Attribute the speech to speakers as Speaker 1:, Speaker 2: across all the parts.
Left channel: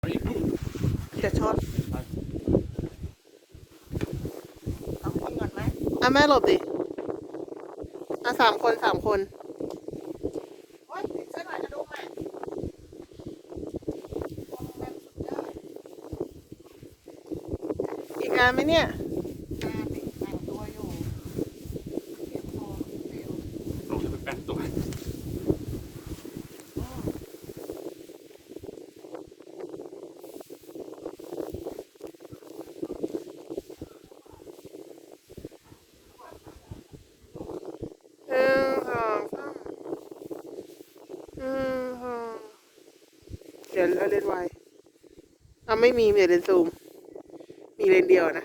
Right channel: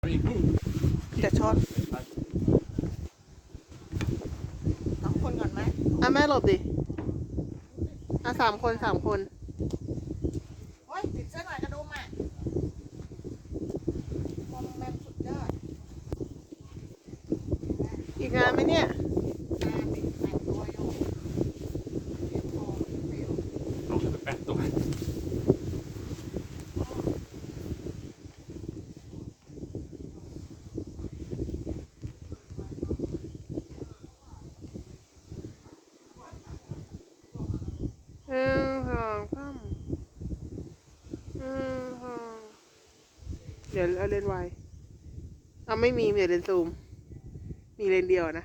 Speaker 1: เดี๋ยวชนต้องคนก่อนไหมแม่หลบดิ3 คนโอ้ยติดเสื้อหน่อยกระดุมอ่ะมองมันสุดยอดอีกงานไหมเนี่ยติดแต่งตัวอยู่เก็บของเร็ว
Speaker 2: ลงจะไปแป้งตัว
Speaker 1: เดี๋ยวเอาเลนส์ไวไม่มีเดี๋ยวเลนส์ซูมมีเลนส์เดียวนะ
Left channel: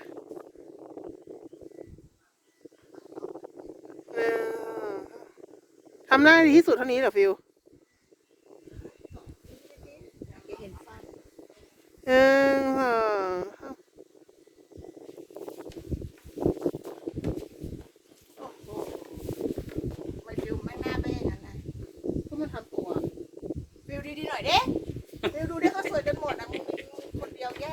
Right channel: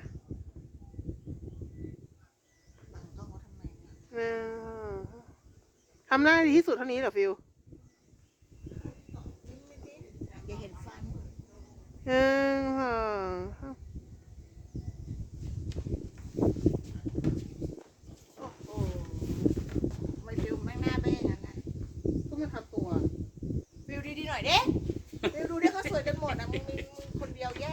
Speaker 1: ทำหน้าดีที่สุดเท่านี้เหรอฟิวอย่าเห็นฟันโอ้โหไม่ฟิวไม่น่าเป็นอย่างนั้นนะก็มาทำตัวฟิวดีๆหน่อยเด้ฟิวดูได้ก็สวยกันหมดนะมึงคนเดียวแย่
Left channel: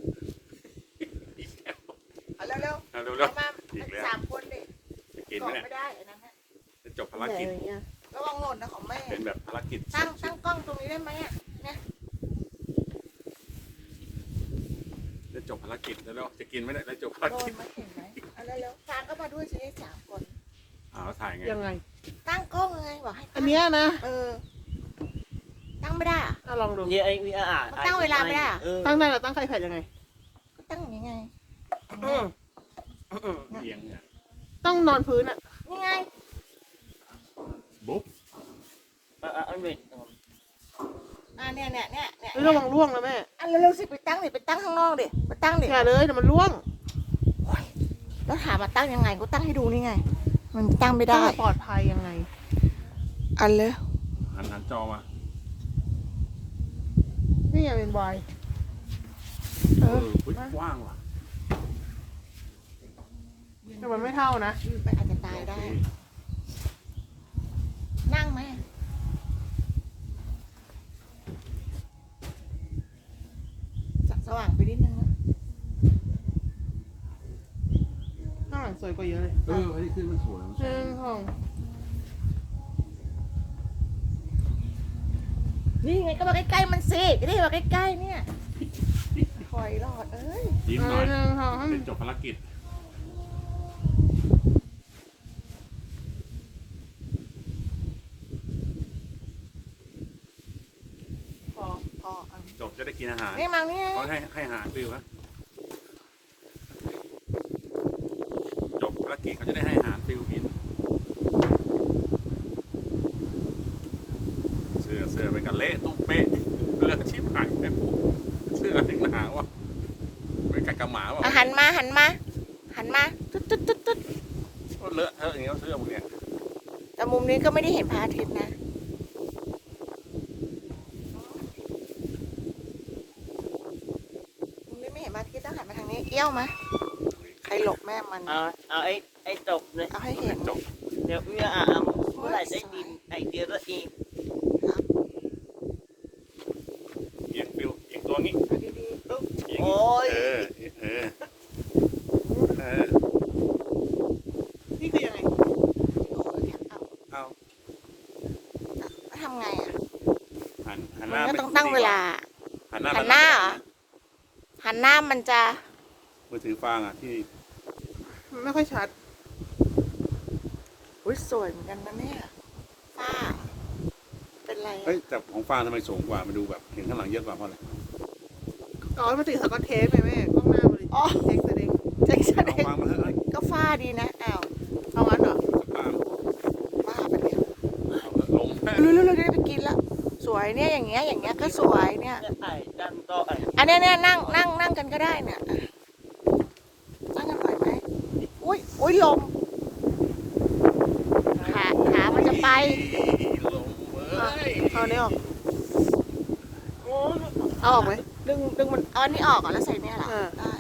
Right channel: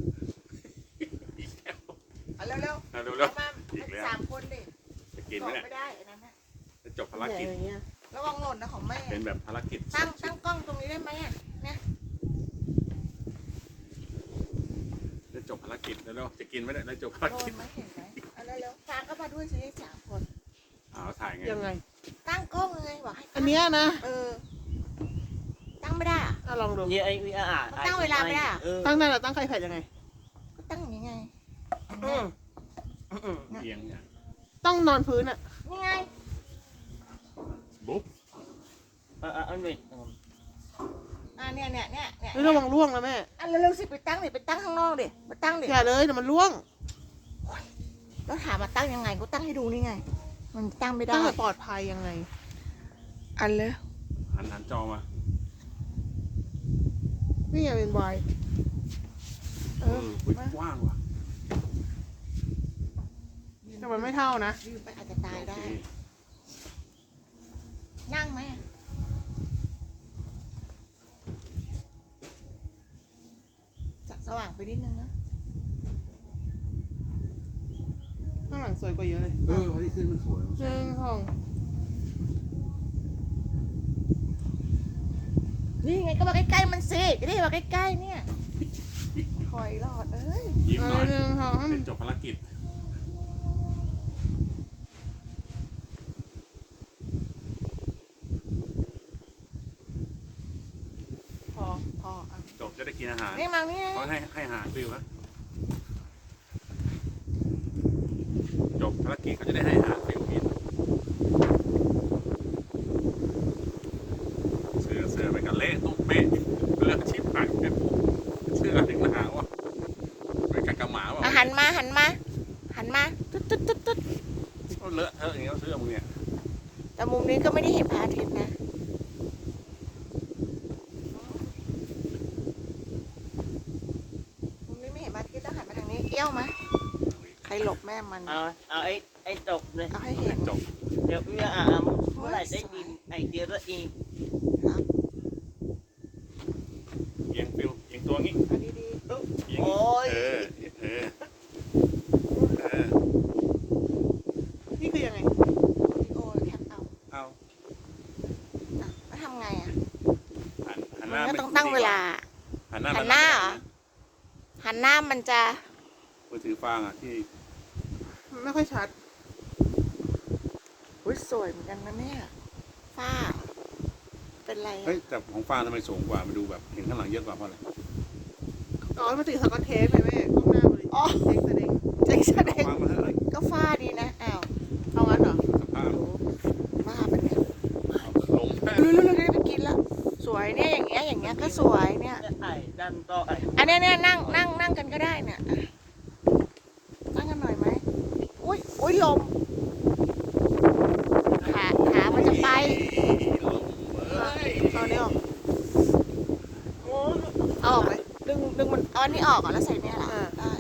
Speaker 1: เอาเร็วๆเอามา3 คนดิ
Speaker 2: จะกินไหมเนี่ย
Speaker 1: ไม่ได้นะฮะ
Speaker 2: จะจบภารกิจ
Speaker 1: ระวังหล่นนะของแม่
Speaker 2: เป็นแบบภารกิจ
Speaker 1: ตั้งกล้องตรงนี้ได้ไหมอ่ะเนี่ย
Speaker 2: จะจบภารกิจแล้วจะกินไหมเนี่ยจะจบภารกิจ
Speaker 1: ไม่เห็นไหมเอาเร็วๆฟางก็มาด้วยสิ3 คน
Speaker 2: ถ่ายไง
Speaker 1: ยังไงตั้งกล้องไงบอกให้อันเนี้ยนะตั้งไม่ได้อ่ะ
Speaker 3: ลองดู
Speaker 1: เนี่ยตั้งเวลาไม่ได้
Speaker 3: ตั้งได้หรอตั้งใครแผ่นยังไง
Speaker 1: ก็ตั้งอย่างนี้ไง
Speaker 2: เอียงเนี่ย
Speaker 3: ต้องนอนพื้นอ่ะ
Speaker 1: นี่ไง
Speaker 2: บุ๊บ
Speaker 1: เนี่ย
Speaker 3: ระวังร่วงนะแม่
Speaker 1: เร็วๆสิไปตั้งข้างนอกดิไปตั้งดิ
Speaker 3: อย่าเลยเดี๋ยวมันร่วง
Speaker 1: แล้วถามมาตั้งยังไงก็ตั้งให้ดูนี่ไงมันตั้งไม่ได้
Speaker 3: ปลอดภัยยังไง
Speaker 1: อันเลย
Speaker 2: หันจอมา
Speaker 3: นี่อย่าเป็นวาย
Speaker 2: กว้างว่ะ
Speaker 3: แต่มันไม่เท่านะ
Speaker 1: ยืนไปอาจจะตายได้นั่งไหมสว่างไปนิดนึงนะ
Speaker 3: ข้างหลังสวยกว่าเยอะเลย
Speaker 2: ที่ขึ้นมันสวย
Speaker 1: นี่ไงก็มาใกล้ๆมันสิจะได้มาใกล้ๆเนี่ยคอยรอด
Speaker 2: ยิ้มหน่อยจบภารกิจ
Speaker 1: พอ
Speaker 2: จบจะได้กินอาหาร
Speaker 1: นี่มังนี่
Speaker 2: เขาให้อาหารฟิวครับจบภารกิจเขาจะได้ให้อาหารฟิวกินเสื้อไปกันเละตุ้มเป๊ะเลือกชิบหายเสื้อถึงหนาวอ่ะไปกันกระหมาว่ะ
Speaker 1: หันมาตุ๊ด
Speaker 2: เลอะเทอะอย่างเงี้ยเสื้อมึงเนี่ย
Speaker 1: แต่มุมนี้ก็ไม่ได้เห็นพระอาทิตย์นะมุมนี้ไม่เห็นพระอาทิตย์ต้องหันมาทางนี้เอี้ยวมาใครหลบแม่มัน
Speaker 4: เอาไอ้ตกเลย
Speaker 1: เอาให้เห็น
Speaker 2: จบ
Speaker 4: เดี๋ยวเมื่อไหร่ได้ดินไอเดียแล้วเอง
Speaker 2: เอียงฟิวเอียงตัวงี้
Speaker 1: ดีๆตุ๊บ
Speaker 4: โอ้ย
Speaker 3: นี่คือยังไง
Speaker 1: โอ้ยแคป
Speaker 2: เอา
Speaker 1: แล้วทำไงอ่ะ
Speaker 2: หันหน้า
Speaker 1: ก็ต้องตั้งเวลาหันหน้ามันจะ
Speaker 2: มือถือฟางอ่ะที่
Speaker 3: ไม่ค่อยชัด
Speaker 1: อุ้ยสวยเหมือนกันนะเนี่ยฟ้าเป็นไร
Speaker 2: แต่ของฟางทำไมสูงกว่ามาดูแบบเห็นข้างหลังเยอะกว่าเพราะอะไร
Speaker 3: มาติดสกอตเทปเลยแม่ต้องหน้าบริ
Speaker 1: เล็กแสดง
Speaker 2: ฟางมาเถอะ
Speaker 1: ก็ฟ้าดีนะ
Speaker 3: เอางั้นเหรอ
Speaker 1: ฟ้าเป็น
Speaker 2: ลง
Speaker 1: รู้ได้ไปกินแล้วสวยเนี่ยอย่างเงี้ยก็สวยเนี่ยอันนี้นั่งกันก็ได้เนี่ยนั่งกันหน่อยไหมอุ้ยลมขามันจะไปเอาเนี่ยเอาออกไหมดึงมันเอาอันนี้ออกก่อนแล้วใส่เนี่ยแหละ